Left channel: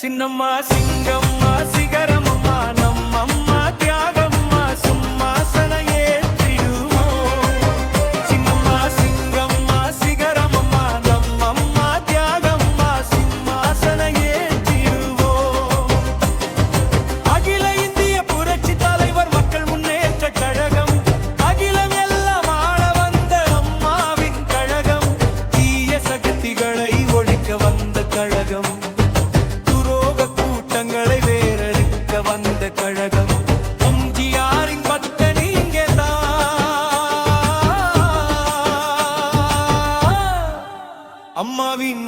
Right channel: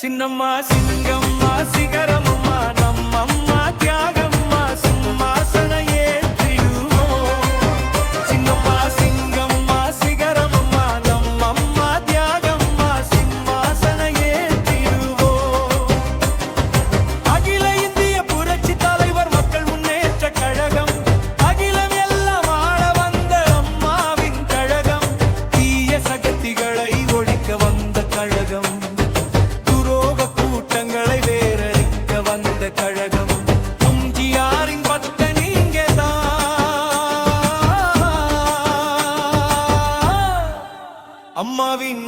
சின்னம்மா சிங்கம்மா சிகரமம்மா நம்மம்மா தியாகம்மா சிம்மாசன ஏற்றிடுவோம். சின்னம்மா சிங்கம்மா சிகரமம்மா நம்மம்மா தியாகம்மா சிம்மாசன ஏற்றிடுவோம். அகில இந்திய புரட்சி தலைவர் மக்கள் முன்னேற்ற கழகம், அகிலம் எல்லாம் ஆள வந்த அம்மாவின் கழகம், தீய சக்திகளை ஒழிக்க வந்த கழகம், துரோக கூட்டங்களை வேறறுக்க வந்த கழகம், எம்ஜிஆரின் பக்த நீங்கதான். அம்மாவின்